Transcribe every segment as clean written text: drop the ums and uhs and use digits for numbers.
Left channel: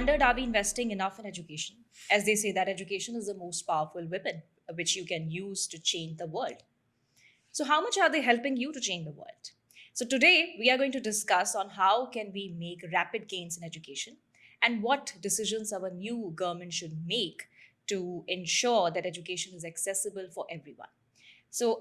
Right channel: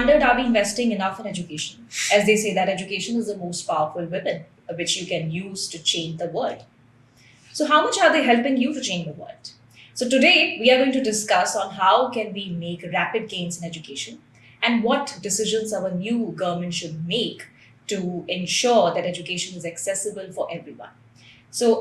wondered, are we investing enough in education? As they say that education is the most powerful weapon which you can use to change the world. So how much are they helping you to change the world? So today we are going to discuss on how can we make rapid gains in education and what decisions our new government should make to ensure that education is accessible for everyone. So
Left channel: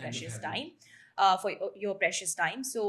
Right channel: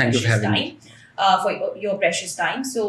Thank you for having me. For your precious time. So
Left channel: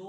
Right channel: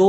2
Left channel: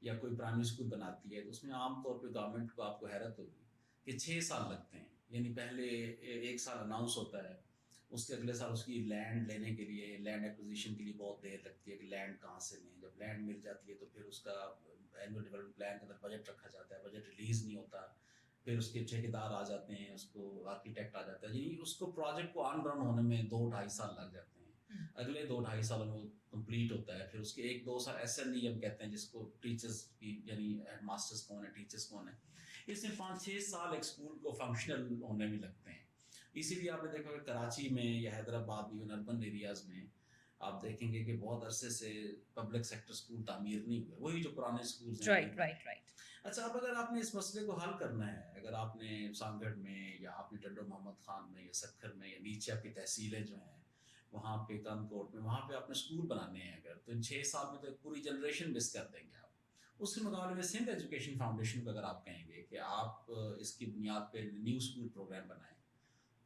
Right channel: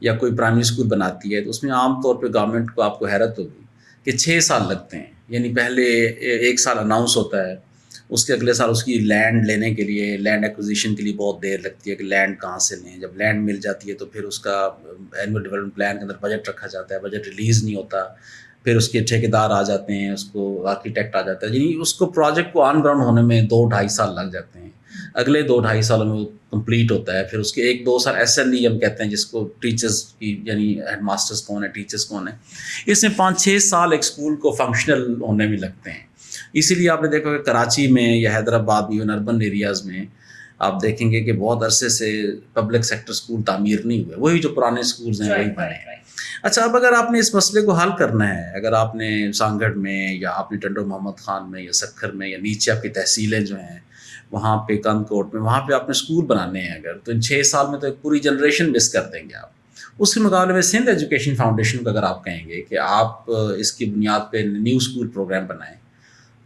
یا کوئی primary school بناتی ہے تو اس میں عام طور پہ government کو آپ کو حیرت ہوگی کہ 6 سال لگتے ہیں. یعنی پہلے 1 سال اناؤنس ہوتا ہے, اس کے اگلے سال اس کی لینڈ لینے کے لیے, لینڈ ایکوزیشن کے لیے بہت دیر لگتی ہے کہ لینڈ کہاں سے لیں. جب لینڈ مل جاتی ہے تو پھر اس کا اینول ڈیولپمنٹ پلان کے اندر بجٹ رکھا جاتا ہے, بجٹ ریلیز نہیں ہوتا, پھر اس کے ٹھیکیدار آ جاتے ہیں, اس کو آرکیٹیکٹ آ جاتا ہے. یعنی اس کو پروجیکٹ کو آن گراؤنڈ ہونے میں 2-2.5 سال لگ جاتے ہیں. اگلے 2-2.5 سالوں میں وہ کمپلیٹ ہوتا ہے. پھر اس کے 1-2 سال ایس ایل ای ہم کہتے ہیں جس کو ٹیچرز کی, یعنی ہیڈ ماسٹرز کون ہیں, ٹیچرز کون ہیں. اس میں 5-6 سال ایک اسکول کو فنکشنل ہونے میں لگتے ہیں. اسی لیے آپ نے دیکھا کہ کراچی میں یا حیدرآباد میں, ایون اربن ایریاز میں آپ دیکھیں گے کہ بہت عرصے سے پبلک سیکٹر اسکول تعمیر نہیں ہوئے, وہی جو پرانے اسکولز ہیں وہی بنے ہیں. اچھا, اب اگر آپ نے اس مسئلے کو حل کرنا ہے, اگر آپ نے سانگڑ میں یا آپ نے ٹنڈو محمد خان میں یا سکھر میں یا نیچے آپ کی تحصیلیں جو ہیں وہاں پہ کند کوٹ میں, وہاں پہ آپ نے اسکول بنانے ہیں اگر, تو ان 6 سال میں تو ایک پوری جنریشن مس کر دیں گے آپ. اس کے مقابلے میں سندھ ایجوکیشن فاؤنڈیشن کو اگر آپ کہیں گے کہ آپ اس کی بنیاد پہ نیو اسکول پروگرام بنائیں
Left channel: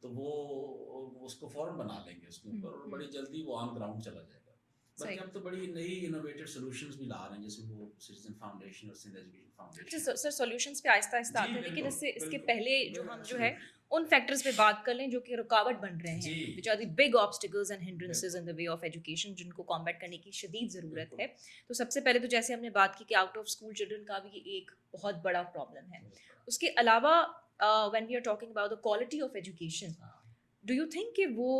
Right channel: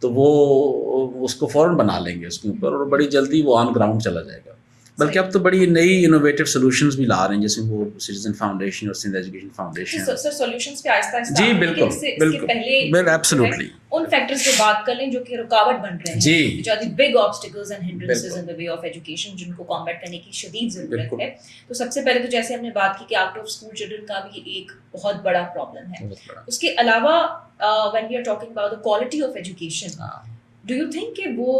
تو وہ اس کو فوراً بنا لیں گے اس کے اوپر, اور بڑی جلدی وہ آن گراؤنڈ چلا جائے گا. بلکہ اب تو بڑی نئی انوویٹیو سولوشنز بھی لا رہے ہیں, جیسے وہ سٹیزن فاؤنڈیشن اور سندھ ایجوکیشن فاؤنڈیشن. سر سولوشنز پہ آہستہ آہستہ, جی بالکل بالکل پہلے ایبسلیوٹلی ان فیکٹرز پہ بات کر لیں جو کہ رکاوٹ بن رہے ہیں, جی, جو big obstacles and hindrances in the way of education, جن کو کامبیٹ کرنے کی شدید ضرورت ہے. تو سب سے پہلے تو جیسے ہم نے بات کی کہ آؤٹ آف اسکول چلڈرن کا بھی ایک بہت بڑا پرابلم ہے. اس کے علاوہ when we are talking about the quality of education, do you think کہ وہ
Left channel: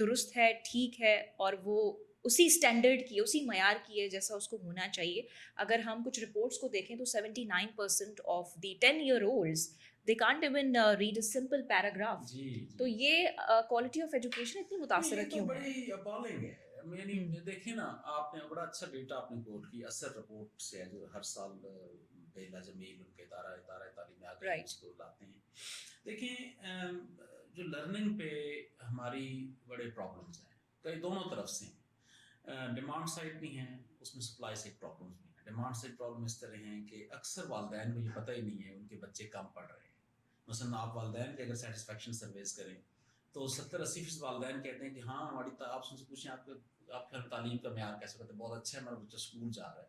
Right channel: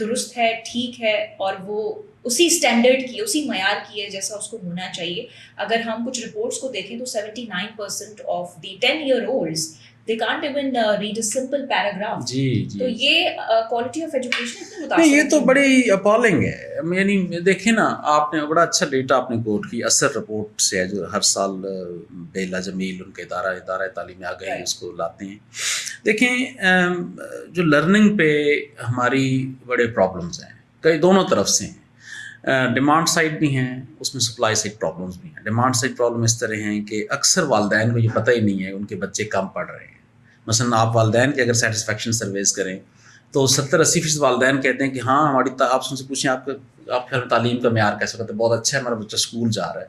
درست ہے, ٹھیک ہے, اور وہ اسی اسٹینڈرڈ کی, اسی معیار کی ہے جیسا اس کو ہونا چاہیے؟ اگر ہم کچھ رپورٹس کو دیکھیں تو 79% of the 10-year-olds they can't even read a simple paragraph. جی تو یہ کوالٹی آف ایجوکیشن اتنی متاثر نہیں, یہ تو بڑی اپالنگ ہے. یعنی دیکھیں نا, آپ نے بڑا اچھا ڈیٹا آپ نے کوٹ کی اثر رپورٹ سے ہے, جو ہر سال بیلا جمیل ان کے ادارہ تعلیم آگاہی اس کو لاتے ہیں. دیکھیں جو لرننگ پہ ہماری بڑے پرابلمز ہیں, کئی دونوں طرف سے ہیں. ڈیمانڈ سائڈ بھی ہیں, اس میں سپلائی سائڈ پرابلمس بھی ہیں. ڈیمانڈ سائڈ پرابلم اس طرح ہیں کہ اکثر والدین کو یہ پتہ ہی نہیں ہے ان کے بچے کم پڑھ رہے ہیں. مثلا آپ والدین کی اگر سیٹسفیکشن سرویز کریں تو 70-80% والدین کہتے ہیں کہ ہاں ہماری آپ سے پوچھیں آپ کا تعلیم کا معیار کیسا ہوتا ہے, بہت اچھا ہے, ہمارا بچہ اسکول جا رہا ہے.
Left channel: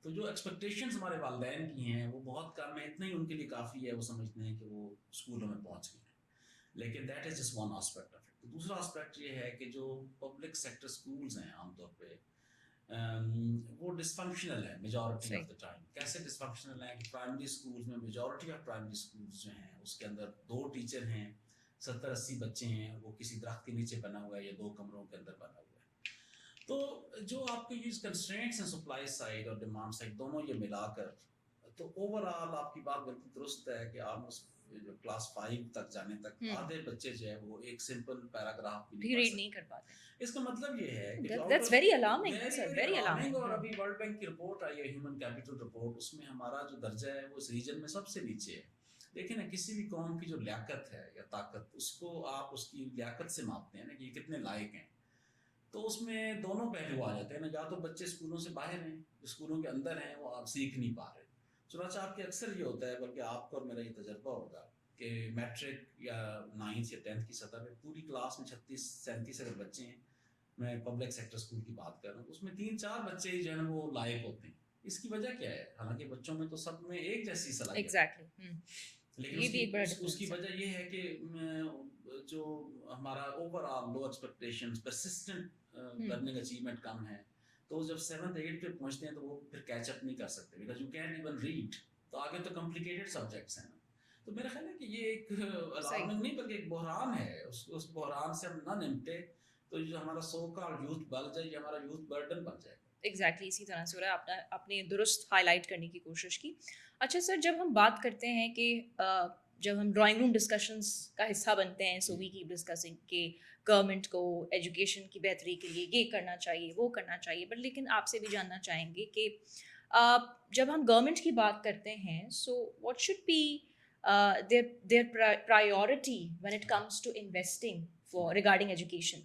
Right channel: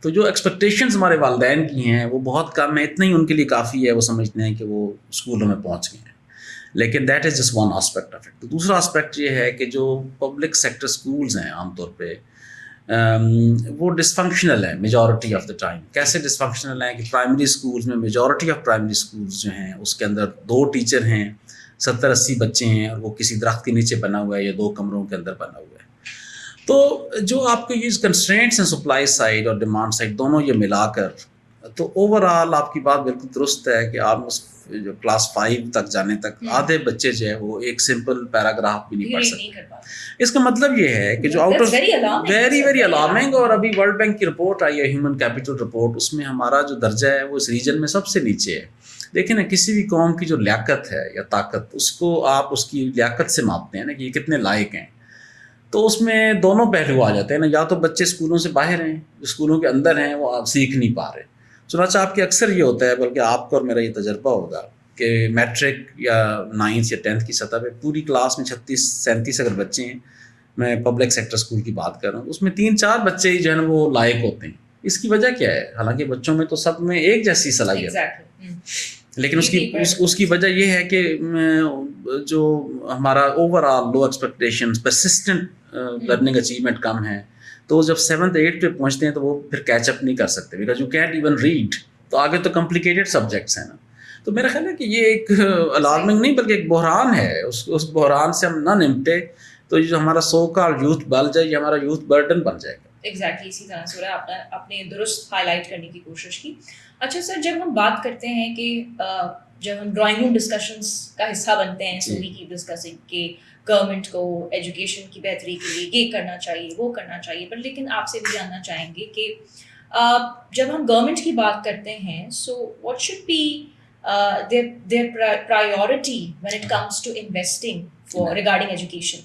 تو جو ایکسپیکٹیشنز ہمارے والدین کی ہیں وہ بہت کم ہیں, اتنا ہی ان کے لیے کافی ہے, وہ سمجھتے ہیں کہ وہ اسکولوں میں پہنچ گئے ہیں. لیکن that is just one aspect of it. تو دوسرا آسپیکٹ یہ ہے کہ جو پبلک سیکٹر اسکولز ہیں عام طور پہ وہ ڈسفنکشنل ہیں میجورٹی آف دا ٹائم. کیسے ڈسفنکشنل ہیں کہ پرائمری اسکولز میں میجورٹی آف پرائمری اسکولز جو ہیں اس کے اندر 2 ٹیچر ہیں, 70-80 بچے ہیں, اور وہ کسی درخت کے نیچے بنا ہوا ہے یا 2 کمروں کے اندر بنا ہوا ہے. تو جو آپ کے یہ کنسٹرینٹس ہیں سپلائی سائڈ اور ڈیمانڈ سائڈ دونوں یہ ملا کر, تو اوور آل آپ کی بات بالکل درست ہے کہ آلموسٹ جو کلاس 5 تک جانے تک آدھے بچے جو ہے وہ ایک سمپل پیراگراف بھی نہیں پڑھ سکتے. اس کا مطلب یہ ہے کہ جو آؤٹ آف ویری الارمنگ, اور ابھی ورلڈ بینک کی رپورٹ آئی ہے ہیومن کیپٹل رپورٹ, اس میں ہمارا جو درجہ ہے وہ اس ریجن میں سب سے نیچے ہے. دیکھیں نا, کسی بھی قوم کی جو لیاقت ہے یا طاقت, اس کو آپ اس کی لیاقت سے ماپتے ہیں نا کہ یہ کتنے لائق ہیں. تو اس میں دونوں پہلو آ جاتے ہیں نا, یا تو بچے اسکولوں سے باہر ہیں, جو اسکولوں کے اندر ہیں وہ آپ سیکھ نہیں پا رہے. چنانچہ آپ کے اکثر یہ ہوتا ہے, بلکہ آپ کو اور میرا یہ تجربہ ہوگا کہ میٹرک یا 9th یا 10th کی سطح پہ پوری کلاس میں 36-37 اگر بچے ہیں, میں پبلک سیکٹر اسکول کی بات کر رہا ہوں, اس میں 3-4 بچے ہی جو ہے نا وہ لائق ہوتے ہیں. اس کی وجہ کیا ہے؟ حالانکہ بچوں میں تو سب میں ایک جیسی صلاحیت ہے, لیکن اس کی وجہ یہ ہے کہ جو ہمارا اوور آل لو ایکسپیکٹیشنز, پرسسٹنٹ لرننگ اچیومنٹ کم ہے. تو جب 7th 8th پہ پہنچتے ہیں تو وہ پھر کیچ اپ نہیں کر سکتے, because you can't even read. تو آگے تو کمپلیکیٹڈ سبجیکٹس ہیں نا. تو میرا خیال ہے کہ یہ ایک الارمنگ نہیں بلکہ ایک بحران ہے. اس بحران سے ہم نہ نمٹے تو جو ہمارا سو کال یوتھ بل جائے, یہ ہمارا یوتھ برڈن بن جائے گا. ایگزیکٹلی اسی طرح سے آپ نے درست ہائی لائٹ کرنے کی کوشش کی. اچھا سر, جب ہم بات کرتے ہیں کہ جب ہم ڈرائنگ روم ڈسکشنس کا حصہ بنتے ہیں, سو وی کیپ ڈسکسنگ کہ گورنمنٹ کو ایجوکیشن کی بہتری کے لیے یہ کرنا چاہیے, وہ کرنا چاہیے, پر لیکن آپ سے بھی جاننا چاہیں گے کہ جب ہم گورنمنٹ کی بات کرتے ہیں, so what should be their priority when it comes to investing for regarding education.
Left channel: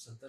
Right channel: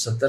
70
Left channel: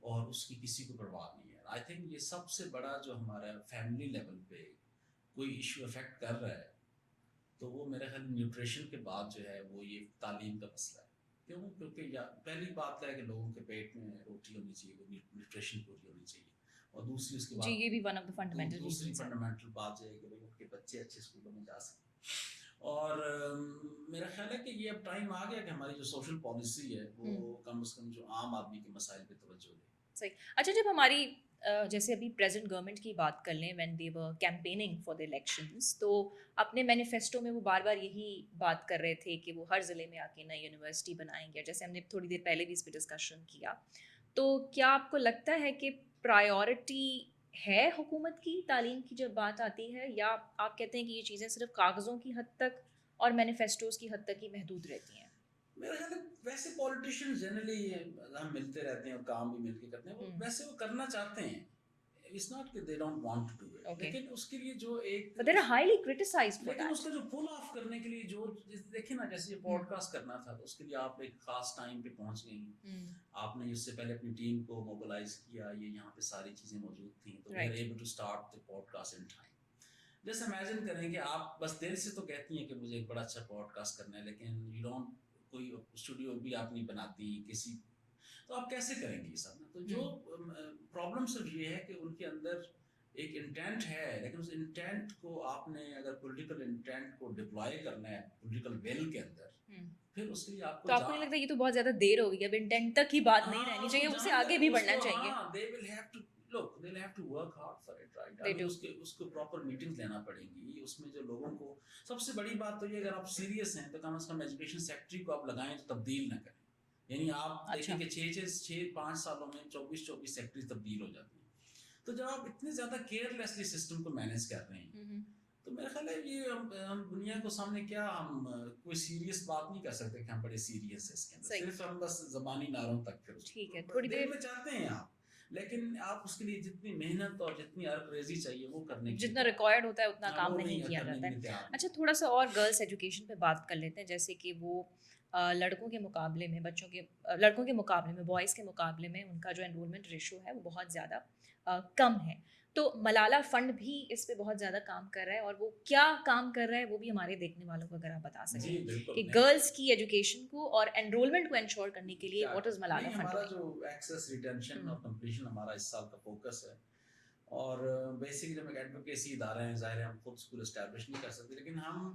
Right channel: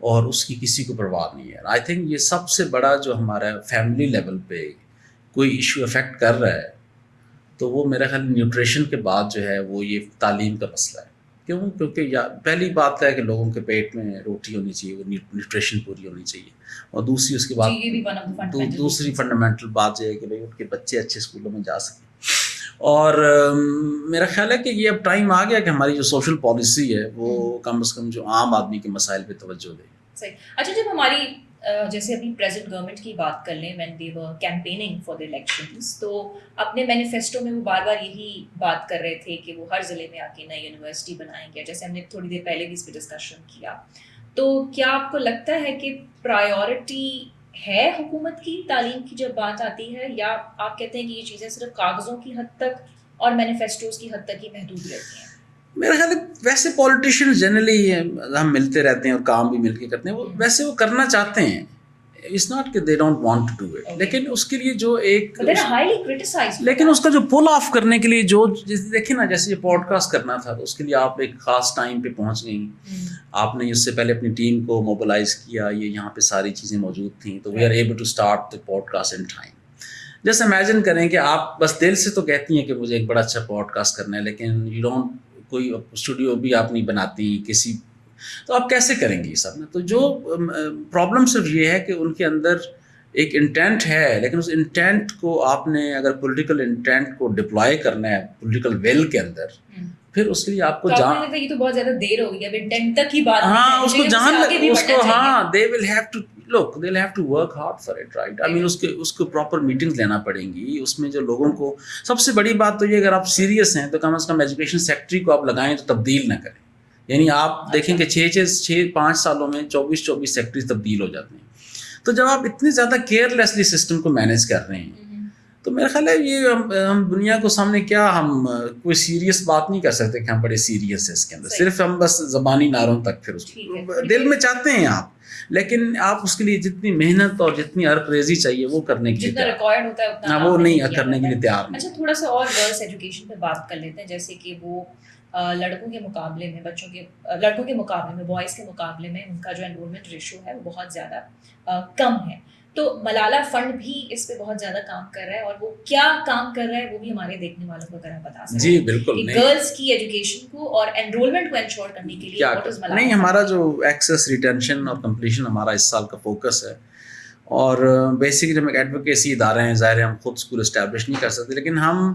اور اس کی کسی کو پرواہ نہیں ہے. آئی تھنک یہ سب سے بڑا جو ہمارا فیملی لیول پہ کوئی ایشو افیکٹ کر رہا ہے تو وہ میرا خیال نیوٹریشن کے بعد جو ہے وہ یہ تعلیم کا مسئلہ ہے. کیونکہ پہلی بات ہے کہ لوگوں کے پیٹ میں روٹی ہونی چاہیے, وہ نیوٹریشن پوری ہونی چاہیے, اور دوسری اس کے بعد یہ بھی one of the fundamental دوسری reasons. فنڈامنٹل بات یہ ہے کہ بھائی ان کے بچے اچھے اسکولوں میں جا سکیں. اور میرا خیال ہے کہ یہ اب ٹائم آ گیا کہ ہماری جو سوشل پالیسی ہے وہ کم از کم جو عام آدمی کے مسائل پہ توجہ دے. صحیح. اچھا, جب ہماری جیسے ابھی پریزنٹ گورنمنٹ کی بات کر لیں, when they were campaigning for the elections, تو اپنے مینیفیسٹو میں وہ بار بار یہی بات کر رہے تھے کہ وہ ہر ضلع میں آ کے نئی یونیورسٹی بنائیں گے, جیسے ہم نے تھوڑی دیر پہلے بھی اس پہ ڈسکشن کیا. تو کیا آپ کو لگتا ہے کہ پرائیورٹی ہے حکومت کی تعلیم کی جب بات آتی ہے, یا آپ کہتے ہیں کہ یہ چیزیں صرف کاغذوں کی حد تک اور مینیفیسٹوز کی حد تک ہی محدود رہتی ہیں؟ میرا خیال ہے ویسے پولیٹیشین جنرلی ہم ملتے رہتے ہیں اور کام بھی مل کے کرتے ہیں, وہ ویسے وہ کرنا چاہتے ہیں, اٹس ناٹ کہ they don't want to do it, لیکن اس کے لیے جو ایک لیکن اس کا جو پل آف کرنے کے لیے جو دیکھیں نا, جیسے یہ پوڈ کاسٹ کرنا تھا تو اس کے لیے آپ ایک خاص ٹائم پہ پہنچ گئیں, آپ نے اس سے پہلے اپنی ٹیم کو موبلائز کیا, یہ یہاں پہ ساری چیزیں موجود تھیں, تو we are able to start the podcast in time. جیسے امیجن کریں کہ آپ بس دل سے تو کہتی ہیں کہ مجھے ایک بڑا اچھا پوڈ کاسٹ کرنا ہے, لیکن یو ڈونٹ, کوئی اسٹوڈیو بھی آپ نہیں بناتی کسی, تو آپ کیسے کریں گے یہ سب نا. تو جو پرابلم صرف یہ ہے کہ ان کے اندر ایک انٹینٹ ہے, لیکن اس انٹینٹ کو آپ نے اگر پولیٹیکل انٹینٹ کو ڈپلائی کرنا ہے پولیٹیکل ویل کے اندر, پھر اس کے لیے آپ کو جان, یہ تو بہت زیادہ دیر ہو گئی, اب انٹینٹ تک ہی بات, ہاں اس کو جان, اس کو ہاں they will have to look, they'll have to work hard for it, right? I mean اس کو پراپر میٹنگز لینا پڑیں گی, اس میں جو لوگوں کو, سب سے بڑی بات تو یہ اگر آپ سیریس ہیں تو کم از کم ایجوکیشن سیکٹری کو آپ لگائیں تو تبدیل نہ کریں. یعنی آپ دیکھیں کہ 5 سالوں میں 24 سیکٹریز تبدیل ہو جاتے ہیں. تو جب آپ اتنے زیادہ کیئرلیسلی سسٹم کو مینیج کر رہے ہیں تو میرا خیال ہے یہ ہم دنیا کو سامنے کیا, ہم کوئی سیریس بات نہیں کر سکتے کہ ہم بڑے سیریس ہیں اس کے اندر, صرف ہم بس زبانی نعروں تک, پھر اس کو دل میں چاہتے ہیں آپ, لیکن آپ اس کے لیے جتنی محنت اور جتنی عرق ریزی چاہیے وہ کرنے کے لیے ریکوائرڈ ہوتا ہے اتنا وہ نہیں کرنے کے لیے تیار نہیں. اچھا, تھوڑا سا اور گرلس ایجوکیشن پہ بات کر لیتے ہیں, جیسے کہ وہ لڑکوں کے مقابلے میں لڑکوں کے مقابلے میں بوائز کے مقابلے میں ان کا جو انرولمنٹ ریشو ہے وہ بہت زیادہ کم ہے. تو ملالہ فنڈ بھی اس پہ بہت زیادہ کام کر رہا ہے, اور وہ کیا کام کر رہا ہے وہ بھی ہمارے دیکھنے والوں کو اگر آپ بتا سکیں. جی بالکل, گرلس کی ایجوکیشن کو اور انرولمنٹ کو انشور کرنے کے لیے نہیں, ہمارا جو ایکسیس, ریٹینشن اور کمپلیشن ہمارا اس سال کا فوکس ہے. اور بیسکلی ہم ایک ایڈوکیسی ادارے ہیں, ظاہر ہے ہم خود اسکول اسٹیبلش نہیں کر سکتے, لیکن ہم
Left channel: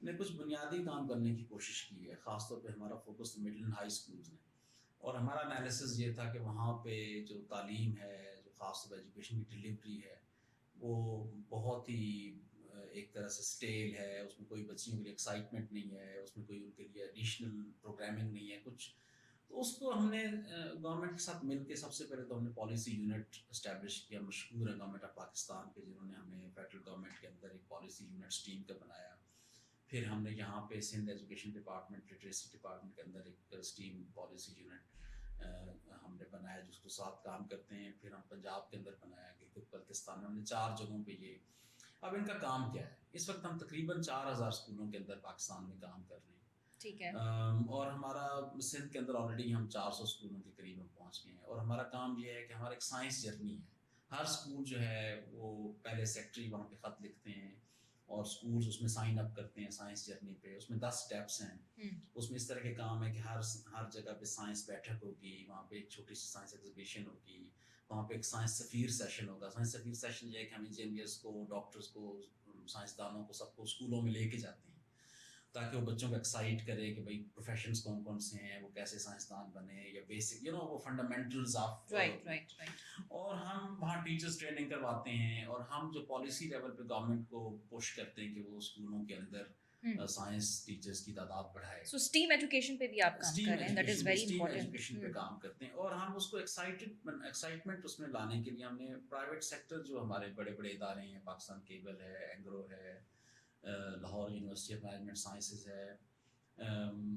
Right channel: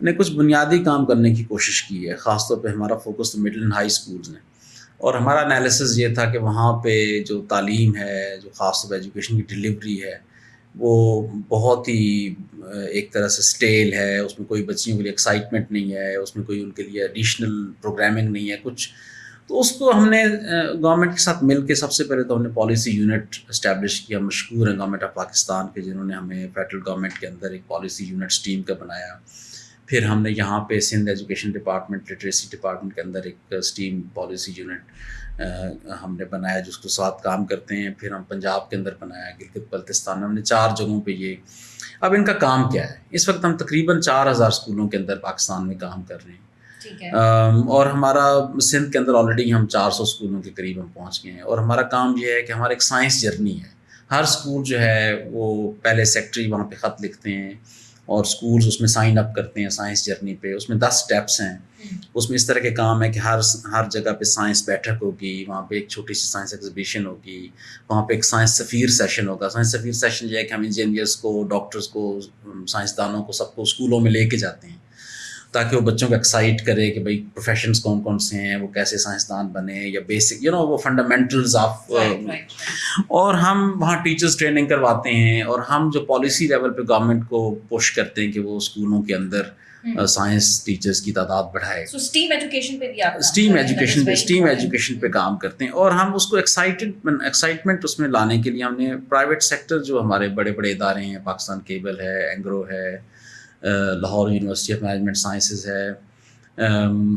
نے کچھ بنیادی کام کرنے کی کوشش کی ہے. خاص طور پہ ہمارا فوکس تو مڈل اینڈ ہائی اسکولز میں, اور ہمارا انالیسس یہ تھا کہ وہاں پہ جو تعلیم ہے, جو خاص طور پہ ایجوکیشن کی ڈلیوری ہے, وہ بہت ہی ایک طرح سے اسٹیل ہے. اس میں کوئی بچیوں کے لیے ایکسائٹمنٹ نہیں ہے, اس میں کوئی ان کے لیے ایڈیشنل پروگرامنگ نہیں ہے کچھ. تو اس کو ہم نے گورنمنٹ کے ساتھ مل کے سب سے پہلے تو ہم نے پالیسی یونٹ اسٹیبلش کیا. مشکور ہیں گورنمنٹ آف پاکستان کے, جنہوں نے ہمیں فیڈرل گورنمنٹ کے اندر ایک پالیسی یونٹ اسٹیم کا بنایا. پھر ہم نے یہاں پہ Sindh education department, literacy department کے اندر ایک اسٹیم پالیسی یونٹ ہم نے بنایا جس کو ساتھ کام کرتے ہیں. پھر ہم پنجاب کے اندر بنایا, گلگت بلتستان میں, ہم نے 4 جگہوں پہ یہ. اب ان کا کام کیا ہے, اس وقت ہم تقریباً 4000 اسکولوں کے اندر پاکستان میں کام کر رہے ہیں. اور ہمارا سندھ کے اندر آلریڈی ہم 400 اسکولوں کے قریب ہم پہنچ گئے ہیں. اور ہمارا کام یہ ہے کہ ہمارا ایک سائنس جرنی ہے. ہر اسکول جو ہے وہ پہلے سیکٹری وہاں پہ خط لکھتے ہیں اور اسکولز اس میں سائن اپ کرتے ہیں سائنس جرنی پہ. اس میں 10 اسٹیپس ہیں. اس میں اس طرح کے کام ہے کہ ہر جگہ پہ سائنس بیٹھک ہوگی, وہاں پہ ایک چھوٹی سی سائنس ایگزیبیشن ہوگی, وہاں پہ ایک سائنس سفیر سیشن ہوگا. سائنس سفیر سیشن یہ ہے کہ ہم انجینئرس کو, ڈاکٹرس کو, سائنسدانوں کو, سب کو اسکولوں میں لے کے جاتے ہیں تاکہ وہ بچوں کو ایکسائٹ کرے کہ بھائی پروفیشنز کون کون سے ہیں, وہ کیسے سائنسدان بنے, یا بیسک وہ فنڈامنٹلز آف. اور ہم وہاں ٹیچرز ٹریننگ کرواتے ہیں, اور ہم جو پالیسی لیول پہ گورنمنٹ کو پش کرتے ہیں کہ وہ اسکولوں کے اندر سائنس ٹیچرز کی تعداد بڑھائے. اسٹیم ایجوکیشن پہ بھی آپ اسٹیم ایجوکیشن پہ کام کرتے ہیں. اور ہم اس کو ایکسائٹمنٹ اس میں لانے کے لیے ہم نے پرائیویٹ سیکٹر جو ہمارے بڑے بڑے ادارے ہیں, پاکستان کیبل ہے, اینگرو ہے, Lahore university of management sciences ہے,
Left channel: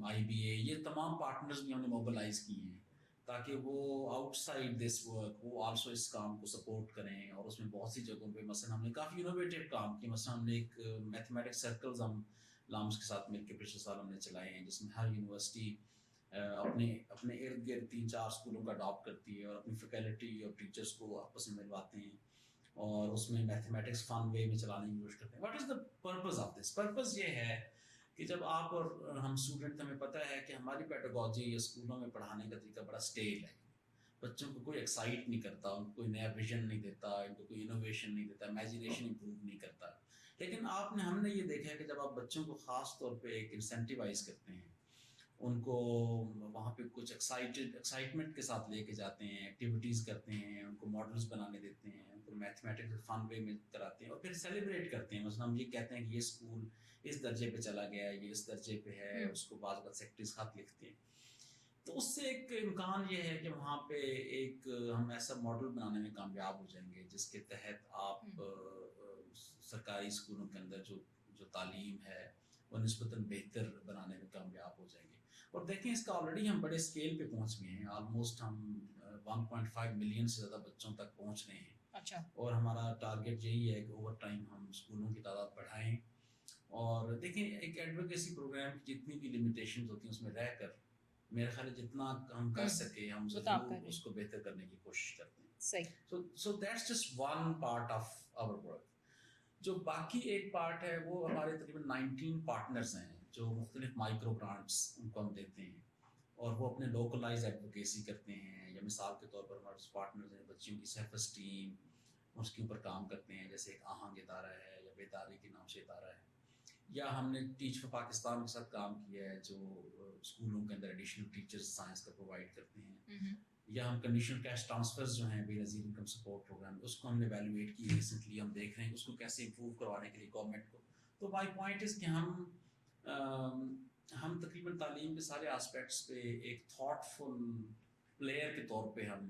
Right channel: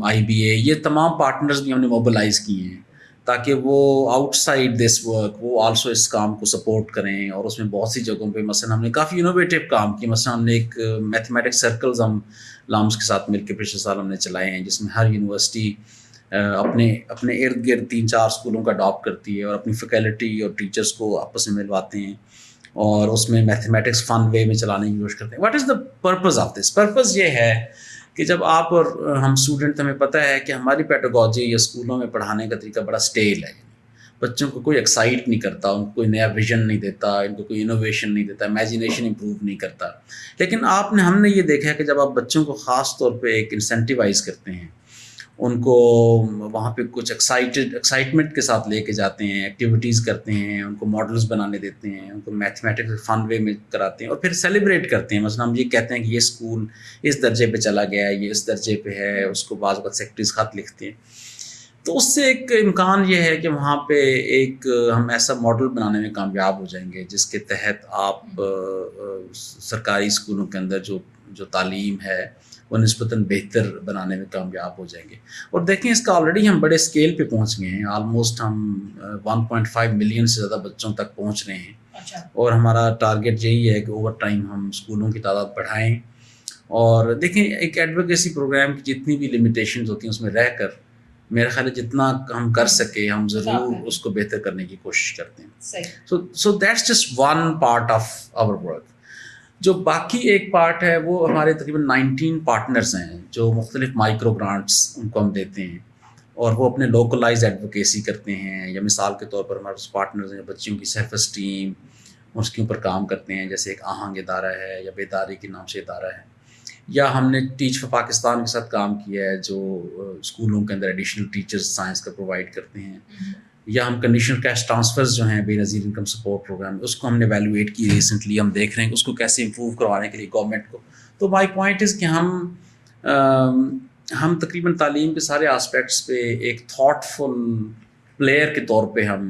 IBA, یہ تمام پارٹنرز بھی ہم نے موبلائز کیے ہیں تاکہ وہ آؤٹ سائڈ دس ورک وہ آلسو اس کام کو سپورٹ کریں. اور اس میں بہت سی جگہوں پہ مثلا ہم نے کافی انوویٹیو کام کیا. مثلا ہم نے ایک میتھمیٹکس سرکلز ہم لامس کے ساتھ مل کے پچھلے سال ہم نے چلائے ہیں, جس میں ہر یونیورسٹی اپنے ارد گرد 3-4 اسکولوں کا اڈاپٹ کرتی ہے اور اپنی فیکلٹی اور ٹیچرس کو آپس میں ملواتے ہیں اور اس میں میتھمیٹکس فن وے میں چلانے کی کوشش کرتے ہیں. What is the purpose of this? Purpose یہ ہے کہ جب آپ اور ہم اسٹوڈنٹ، ہمیں پتہ ہے کہ ہماری پیڈاگوجی یا اسکولوں میں پڑھانے کا طریقہ بڑا اسٹیل ہے، بچوں کو کوئی ایکسائٹ نہیں کرتا، ان کو کوئی نیا ویژن نہیں دیتا، ان کو کوئی انوویشن نہیں دیتا، امیجنیشن امپروو نہیں کرتا. لیکن ہم نے یہ دیکھا ہے کہ جب آپ بچوں کو خاص طور پہ ایک انسینٹیوائز کرتے ہیں، ان کو وہاں پہ کچھ ایکسائٹمنٹ کے ساتھ لے کے جاتے ہیں، ایکٹیویٹیز کرتے ہیں، ان کو ماڈلز بنانے دیتے ہیں، ان کو میتھمیٹکس فن وے میں کراتے ہیں اور پھر سیلیبریٹ کرتے ہیں. مثلا ہم یہ کہتے ہیں کہ یہ اسکول اس درجے پہ چلا گیا ہے، یہ اس درجے پہ ہے، اس کو بعض وقت سیکرٹریز خط لکھتے ہیں. تو اس سے ایک امکان یہ ہے کہ وہاں پہ ایک ہم ایسا ماڈل بنانے میں کامیاب ہو جائیں گے جس کے تحت آپ سرکاری اسکولوں کے اندر جو تعلیم ہے وہ نسبتاً بہتر بنانے میں کامیاب ہو جائیں گے. اور دیکھیں اس کا آلریڈی ہم بڑے اسکیل پہ پہنچ گئے ہیں، آلموسٹ ہم 1.5 ملین سے زیادہ بچوں تک پہنچ رہے ہیں. اور ہمارا ٹارگیٹ یہی ہے کہ اوور ٹائم ہم اسکولوں کی تعداد بڑھائیں. اور دیکھیں ایک ایڈوکیسی پروگرام کی جتنی بھی لمیٹیشنز ہوتی ہیں اس میں رہ کر میرا خیال ہے جتنا ہم کر سکے ہم ضرور اس کو بہتر کرنے کی کوشش کرتے ہیں. So that's just one part of our work. جو باقی ایک پارٹ ہے وہ ہمارے تقریباً 19 پارٹنرز ہیں جو مختلف مائکرو گرانٹس ان کو ہم دیتے ہیں اور وہ اپنے لوکلائز ایڈوکیسی کرتے ہیں. یا مثال کے طور پر ہمارے پارٹنرز ہیں بچیوں کی سیلف اسٹیم، اس کے اوپر کام کرتے ہیں، جیسے ایک آہنگ ادارہ ہے یا بیداری کے نام سے ادارہ ہے. یا ہم نے ٹیچ فار پاکستان کے ساتھ کام کیا ہے جو اسکولوں کے اندر ایڈیشنل ٹیچرز سائنس کا پرووائڈ کرتے ہیں. یا ہم کنڈیشنل کیش ٹرانسفرز جو ہیں بے نظیر انکم سپورٹ پروگرام، اس کو ہم نے ایویلویٹ کی ریسنٹلی. ہم دیکھ رہے ہیں کہ اس کو کیسے امپروو کروانے کے لیے گورنمنٹ کو. تو مائی پوائنٹ از کہ ہم تقریباً تعلیم کے سارے آسپیکٹس پہ ایک تھاٹ فل پلیئر کے طور پہ ہم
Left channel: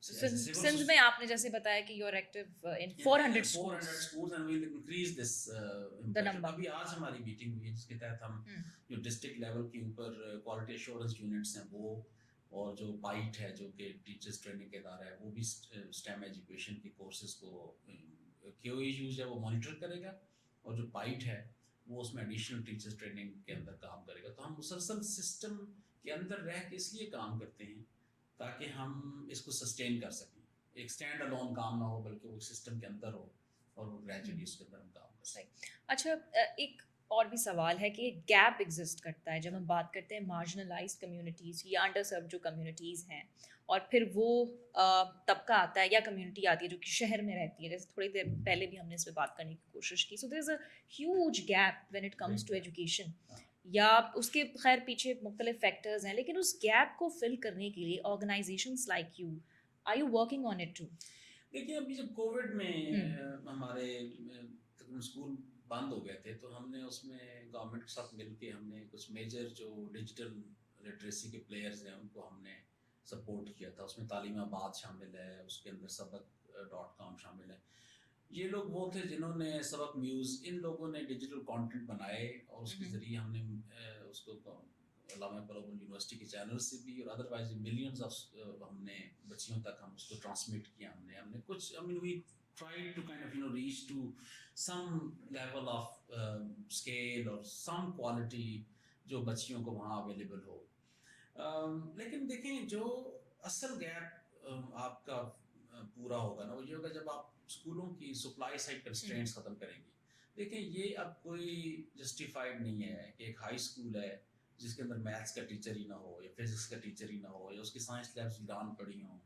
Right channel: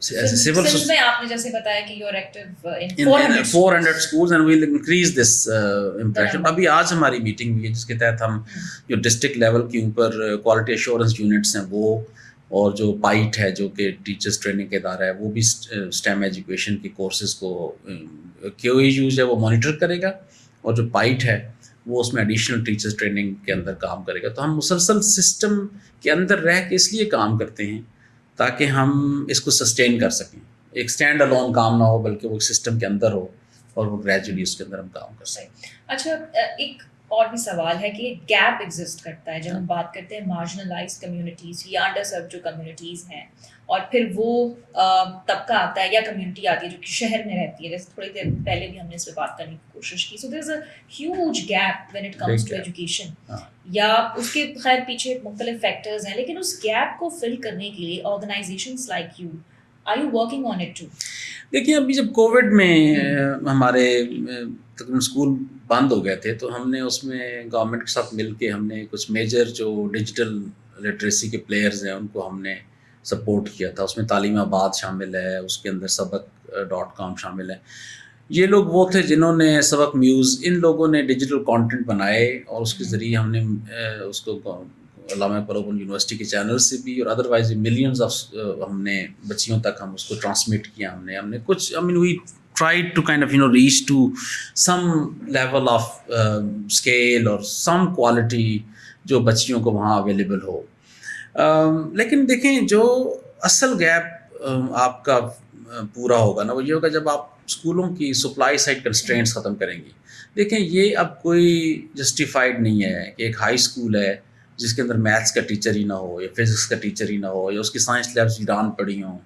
سول میں آپ نے جیسے بتایا کہ you are active in 400 schools and we'll increase this impression. ابھی آج ہماری میٹنگ ہوئی ہے جس کے تحت ہم جو ڈسٹرکٹ لیول کے اوپر کوالٹی ایشورنس یونٹس ہیں وہ، اور جو پائٹ ہے جو کہ ٹیچرس ٹریننگ کا ادارہ ہے وہ بھی اسٹیم ایجوکیشن کے کورسز کو کیو ای یوز ہے وہ مانیٹر کرے گا، اور جو پائٹ ہے وہ اس میں ایڈیشنل ٹیچرس ٹریننگ کے اندر کام کرے گا. تو ہم مسلسل سسٹم کے اندر رہ کے اس لیے کام کرتے ہیں تاکہ ہم اس کو سسٹین کر سکیں. ایک اسٹینڈ الون کام نہ ہو بلکہ وہ ایک سسٹم کے اندر ہو اور وہ گریجولی اس کے اندر ہم کام کر سکیں. اچھا ایک اور بھی سوال ہے کہ گیپ ایگزسٹ کرتا ہے جب ہم بات کرتے ہیں مارجنلائزڈ کمیونٹیز یا انڈر سرو جو کمیونٹیز ہیں، اور پھر وہ طبقہ آتا ہے یا کمیونٹی آتی ہے جو کہ شہر میں رہتی ہے. جیسے تھوڑی دیر پہلے بھی ہم نے اس پہ بات کرنے کی کوشش کی. So there is a huge gap when it comes to education. یا اس کے خیر پیچھے مختلف فیکٹرز ہیں، لیکن اس گیپ کو فل کرنے کے لیے organizations like you are you working on it too? دیکھیے ابھی جب کووڈ میں ہمارے تقریباً اسکول بند ہو گئے تھے تو ہم نے اس میں گورنمنٹ کے ساتھ مل کے ہم نے کچھ میجر جو ڈیجیٹل لٹریسی کے پلیئرز ہیں ان کو ہم نے سپورٹ کیا تھا. اس میں تعلیم آباد شامل ہے، اس کے اندر سبق.com شامل ہے. یہ لوگ وہ تھے جنہوں نے سبق میوز، ان لوگوں نے ڈیجیٹل کانٹینٹ بنائے اور اس کے ذریعے ہم نے اس کو علامہ اقبال اوپن یونیورسٹی کے چینل سے بھی اور ادروائز ملینز آف ہم نے بچیوں تک ہم اس کو ٹرانسمٹ کیا. ہم نے کچھ وی tried to kind of reach to some level of scale اور some quality جو بچیوں کو وہاں اویلیبل ہو. لیکن دیکھیں جو اصل گیپ آپ کا پورا ہوگا نا وہ یہ ہوگا جب آپ اسکولوں کی سپلائی سائڈ کنسٹرینٹس ختم کریں گی. دیکھیں یہ اب کوئی جسٹیفائڈ نہیں ہے کہ ایک ہائی اسکول ہے جس کے اندر میتھس کا ٹیچر ہی نہ ہو یا فزکس کا ٹیچر ہی نہ ہو یا اس کی سائنس لیبس ویران پڑی ہوں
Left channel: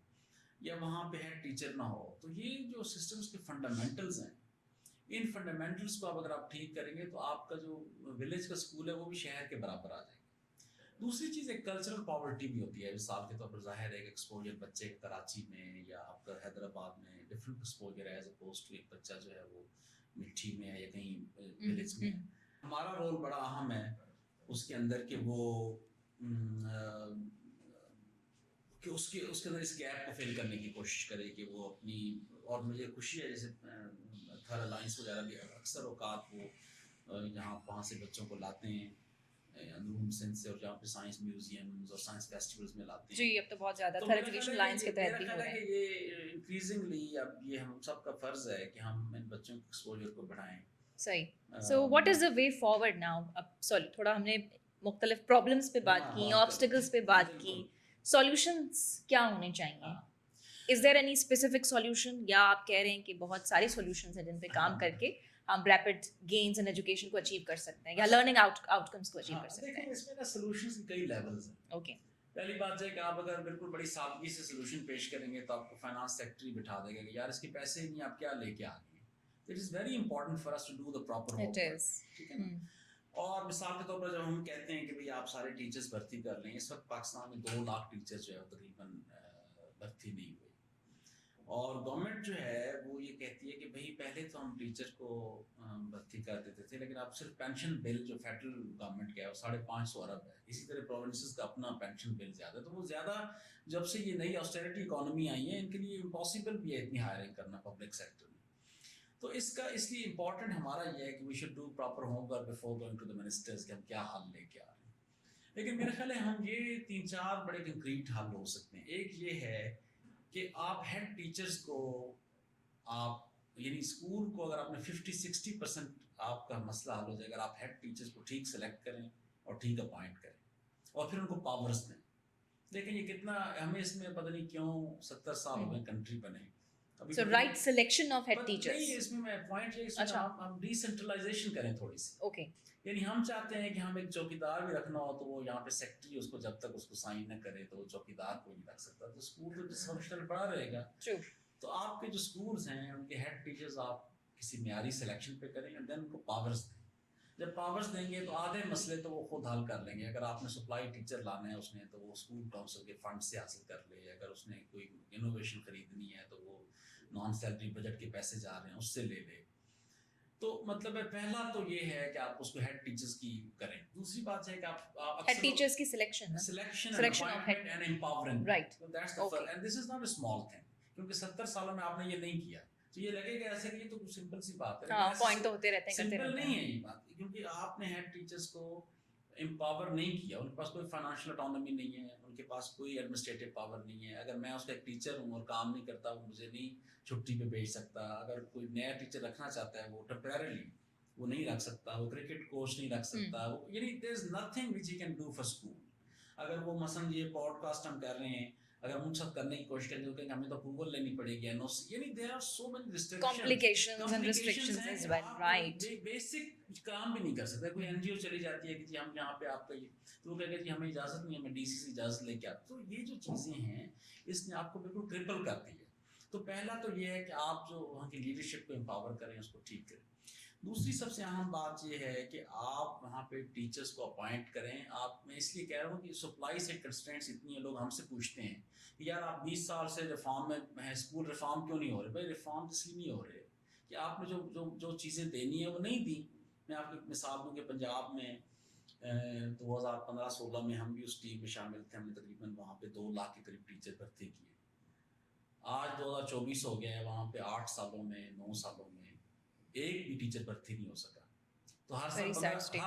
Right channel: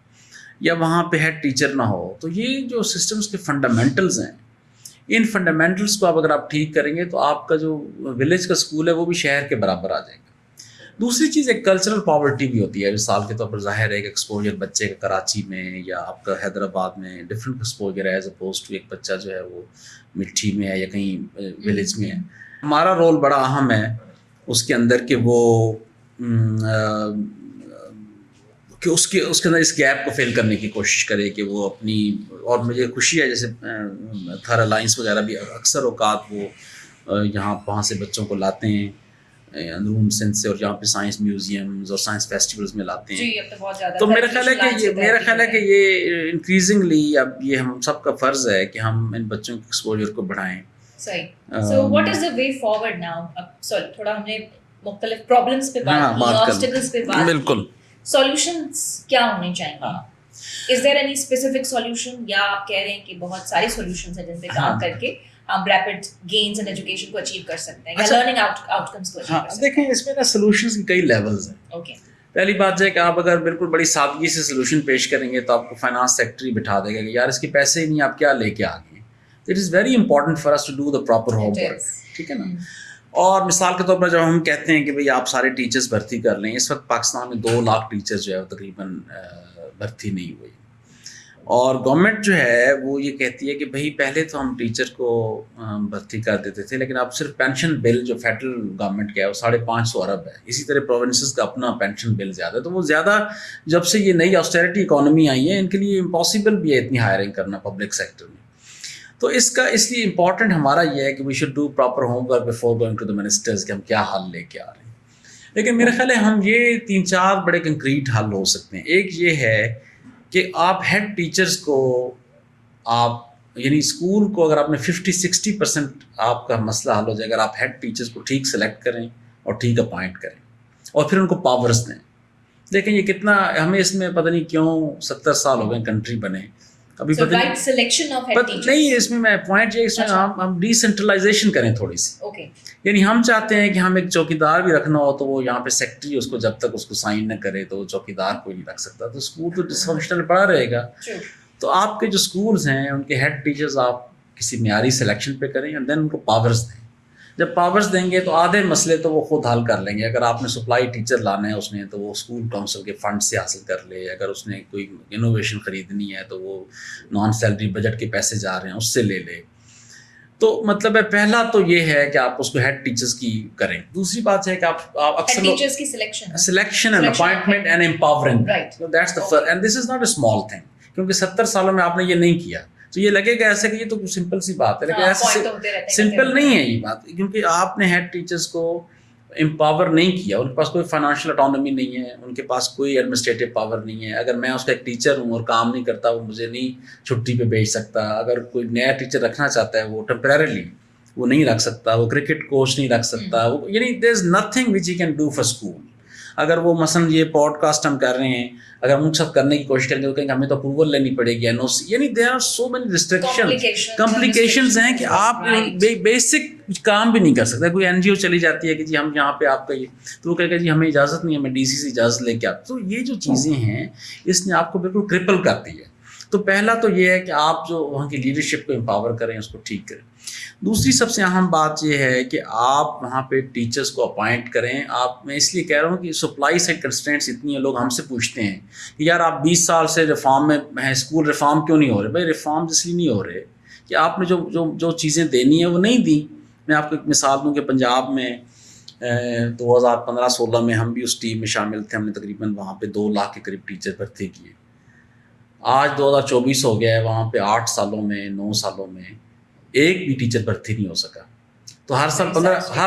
یا وہاں پہ ہیڈ ٹیچر نہ ہو. تو یہ جو سسٹمز کے فنڈامنٹلز ہیں، ان فنڈامنٹلز کو اگر آپ ٹھیک کریں گے تو آپ کا جو ولیج کا اسکول ہے وہ بھی شہر کے برابر آ جائے گا. دوسری چیز ایک کلچرل پاورٹی بھی ہوتی ہے. مثال کے طور پر ظاہر ہے کہ ایکسپوجر بچے کا کراچی میں یا آپ کا حیدرآباد میں ڈفرینٹ ایکسپوجر ہے ایز اپوز ٹو ایک بچہ جو ہے وہ مٹھی میں ہے یا کہیں ولیج میں ہے. ہمارا رول بڑا اہم ہے اس کے اندر کہ وہ کہ اس کے اندر اس گیپ کو فل کرنے کی کوشش کرے کہ وہ اپنی. اور مجھے خوشی ہے جیسے تھر الائنس وغیرہ بھی اکثر اوقات وہ یہاں وہاں سے بچوں کو لاتے ہیں اندرون سندھ سے اور یہاں پہ سائنس میوزیمز اور سائنس فیسٹیولز میں لاتے ہیں. تو میرا خیال ہے کہ یہ انکریزنگلی اب یہ ہم سب کا فرض ہے کہ ہم ان بچوں کے ایکسپوجر کو بڑھائیں. صحیح. So what is the way forward now? اب تھوڑا ہم نے مختلف پرابلمس پہ بات کی, آبسٹیکلس پہ بات, بالکل سولوشنس کیا ہونے چاہیے. ہاں از دیر اینی اسپیسیفک سولوشن, یا آپ کہہ رہے ہیں کہ بہت سارے سولوشنس ہیں جن پہ کام کر کے ہم ریپڈ گینز ان ایجوکیشن کو اچیو کر سکتے ہیں, یا لرننگ آؤٹ کمس کو اچیو کر سکتے ہیں؟ دیکھیں اس میں نا سولوشنس کی کئی لیولز ہیں. اوکے, پہلی بات ہے کہ آپ اگر بالکل بڑی سادگی سے سولوشن پیش کریں گے تو آپ کو فائنانس سیکٹری بٹھا دے گا کہ یار اس کے پیسے ہی نہیں, آپ کیا لے کے آ گئے. It is very important for us to do the proper home work, ٹھیک ہے نا. اور مثال کے طور پر جب ہم کہتے ہیں کہ بھئی آپ سارے ٹیچرز بھرتی کر لیں, اس وقت پاکستان میں 2 لاکھ ٹیچرز جو ہے تقریباً بھرتی نہیں ہوئی. اور گورنمنٹ جو ہے وہ یہ کہتی ہے کہ بھئی پہلے تو ہم ٹیچر کو بھرتی کر دیتے تھے, لیکن اب صرف پینشن بل جو فیڈرل گورنمنٹ کا ہے وہ 550 ارب ہے. اسی طرح پروونسز کا اپنا پینشن بل زیادہ ہے, تو وہ زیادہ جب سے یہ نئی آسٹیرٹی اکانومی آئی ہے ان کے لیے امپاسبل بھی ہے اتنی ہائرنگ کرنا پبلک سیکٹر میں. تو اس کا اس لیے امپورٹنٹ ہمارا یہ ہے کہ we should do proper home work before going to the ministers کہ ہم کیا حل لے کے آ رہے ہیں. لیکن میرا خیال ہے ہم یہ 3-4 بڑے کنکریٹ حل ہو سکتے ہیں. ایک یہ ہے کہ آپ ہیڈ ٹیچرز کو آپ یعنی اسکول کو اگر آپ نے 50-60% آپ کا مسئلہ حل ہو جائے, اگر آپ ہیڈ ٹیچرز کو ٹھیک سلیکٹ کریں اور ٹھیک اپوائنٹ کریں اور پھر ان کو پاورز دیں. دیکھیں یہ کتنا ہمیں اس میں پتہ نہیں کیوں 70 سال ہو گئے کنٹری بنے, ابھی پتہ right selection of head teachers نہیں. اس میں پوائنٹ یہ اس میں ہم ڈی سینٹرلائزیشن کریں تھوڑی سی. اوکے, یعنی ہم چاہتے ہیں کہ ہم ایک چوکیدار بھی رکھنا ہو تو وہ یہاں پہ سیکٹری اس کو جب تک اس کو سائن نہ کرے تو وہ چوکیدار کوئی نہیں رکھ سکتا, تو اسکول تو ڈسفنکشنل پڑا رہے گا. تو آپ کے جو اسکولز ہیں ان کے ہیڈ ٹیچرز آپ کسی معیاری سلیکشن پہ کریں اور دین ان کو پاورز دیں. جب پاورز دیں گے تو آدھے مسئلے تو وہ خود حل کر لیں گے. اگر آپ نے سپلائی ٹیچر لانا ہے اس نے تو وہ اسکول کونسل کے فنڈ سے حاصل کر لے, اگر اس نے کوئی انوویشن خریدنی ہے تو وہ نان سیلری بجٹ کے پیسے جا رہے ہیں اس سے لے لے. تو مطلب ہے پہلا تو یہ ہے کہ آپ اس کو ہیڈ ٹیچرز کی کریں. دوسری بات ہے کہ آپ اکثر ٹیچرز کی selection and appointment and empowering, that's the first and this is not a small thing, کیونکہ 70 سالوں میں آپ نے یہ نہیں کیا تو یہ لگے گا ایسے کہ یہ تو سمپل سی بات ہے, لیکن ایسے سمپل نہیں ہے یہ بات, کیونکہ آپ نے ہیڈ ٹیچرز کو امپاور نہیں کیا. ان کے پاس کوئی فائنانشیل اٹانومی نہیں ہے, ان کے پاس کوئی ایڈمنسٹریٹو پاور نہیں ہے. اگر میں اس کا ایک ٹیچر ہوں اور کام نہیں کرتا وہ مجھے نہیں چھٹی پہ بھیج سکتا. اگر کوئی نیا ٹیچر رکھنا چاہتا ہے وہ ٹیمپریرلی وہ نہیں رکھ سکتا, وہ کرکٹ کوچ نہیں رکھ سکتا, وہ یعنی there is nothing which he can do for school. اگر وہ مثلاً یہ پوڈ کاسٹ ہم کر رہے ہیں, اگر ہم سب کرنے کی کوشش کریں گے تو کہیں گے ہمیں تو اپروول لینی پڑے گی, NOC, یعنی there are so many restriction complications ہیں کہ آپ بیسک کام بھی نہیں کر سکتے. کوئی NGO چلی جاتی ہے کہ جی ہم یہاں پہ آپ کا یہ, تو وہ کہے گا جی ہمیں اجازت نہیں ہے, ہمیں DC سے اجازت لے کے آپ. تو یہ جو چیزیں ہیں اس نے آپ کو بالکل کرپل کر دی ہے. تو پہلا تو یہ ہے کہ آپ جو وہاں کی لیڈرشپ کو امپاور کریں, اس کو ٹھیک کریں. دوسری سب سے اہم بات یہ ہے کہ آپ وہاں پہ ٹیچرز کو اپوائنٹ کریں. آپ میں اس لیے کہہ رہا ہوں کہ سپلائی سائڈ کنسٹرینٹس اتنی ہیں, لوگ ہم سے پوچھتے ہیں کہ یار آپ 20 سال سے ریفارم میں ہیں, اسکول ریفارم کیوں نہیں ہو رہے؟ بھائی ریفارم اس لیے نہیں ہو رہے کہ آپ نے جو چیزیں دینی ہیں وہ نہیں دیں. میں آپ کو ایک مثال دوں کہ پنجاب میں 2015-16 میں ہم بھی اس ٹیم میں شامل تھے, ہم نے تقریباً وہاں پہ 2 لاکھ کے قریب ٹیچر بھرتی کیے. آج 2024 ہو گیا ہے, وہاں پہ 8 سالوں میں 9 سالوں میں ایک بھی ٹیچر بھرتی نہیں ہو سکا. تو ہر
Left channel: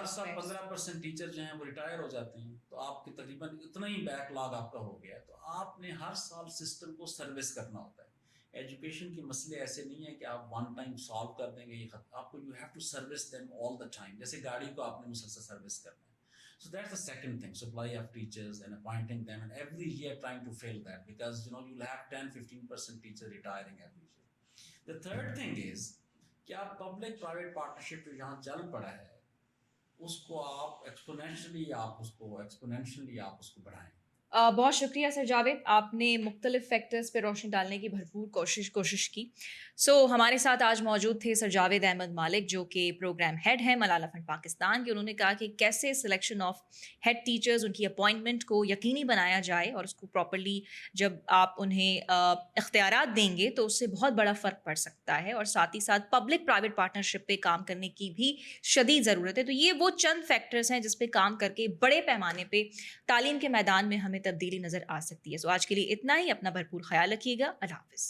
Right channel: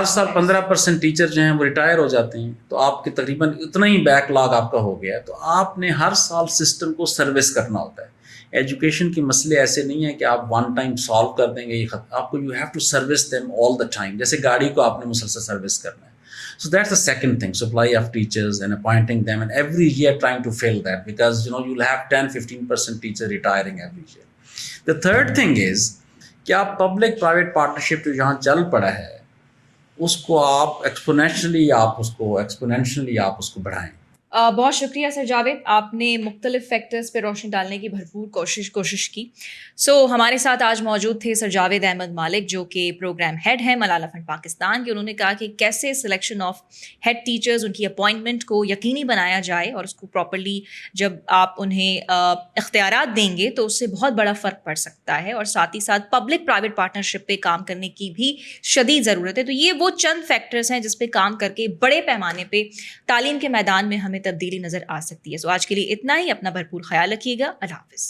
سال 15% ٹیچر جو ہیں وہ ریٹائر ہو جاتے ہیں. تو آپ کے تقریباً اتنا ہی بیک لاگ آپ کا ہو گیا ہے. تو آپ نے ہر سال سسٹم کو سروس کرنا ہوتا ہے. ایجوکیشن کے مسئلے ایسے نہیں ہیں کہ آپ ون ٹائم سالو کر دیں گے, یہ آپ کو you have to service them all the time, جیسے گاڑی کو آپ نے مسلسل سروس کرنا ہے. So that's the second thing, supply of teachers and appointing them, and every year trying to fill that, because you'll have 10-15% teacher retiring every year. The third thing is کہ آپ پبلک پرائیویٹ پارٹنرشپ جو یہاں چل پڑا ہے اس کو آپ exponentially آپ اس کو بڑھائیں. بہت شکریہ سر جاوید, آپ نے مختلف فیکٹرز پہ روشنی ڈالنے کی بھرپور کوشش کی. ہمارے ساتھ آج موجود تھے سر جاوید احمد مالک جو کہ پروگرام ہیڈ ہیں ملالہ فنڈ پاکستان کے. انہوں نے کہا کہ کیسے سلیکشن آف ہیڈ ٹیچرز, ان کی اپوائنٹمنٹ کو یقینی بنایا جائے اور اس کو پراپرلی جب آپ انہیں اختیارات دیں گے تو اس سے بہت بڑا فرق پڑ سکتا ہے, اور ساتھ ہی ساتھ پبلک پرائیویٹ پارٹنرشپ پہ کام کرنے کی بھی شدید ضرورت ہے. تو یہ وہ چند فیکٹرز ہیں جس پہ کام کر کے بڑے پیمانے پہ تعلیم کے میدان میں ہمیں تبدیلی نظر آ سکتی ہے. آج کے لیے اتنا ہی. اپنا بھرپور خیال رکھیے گا. اللہ حافظ.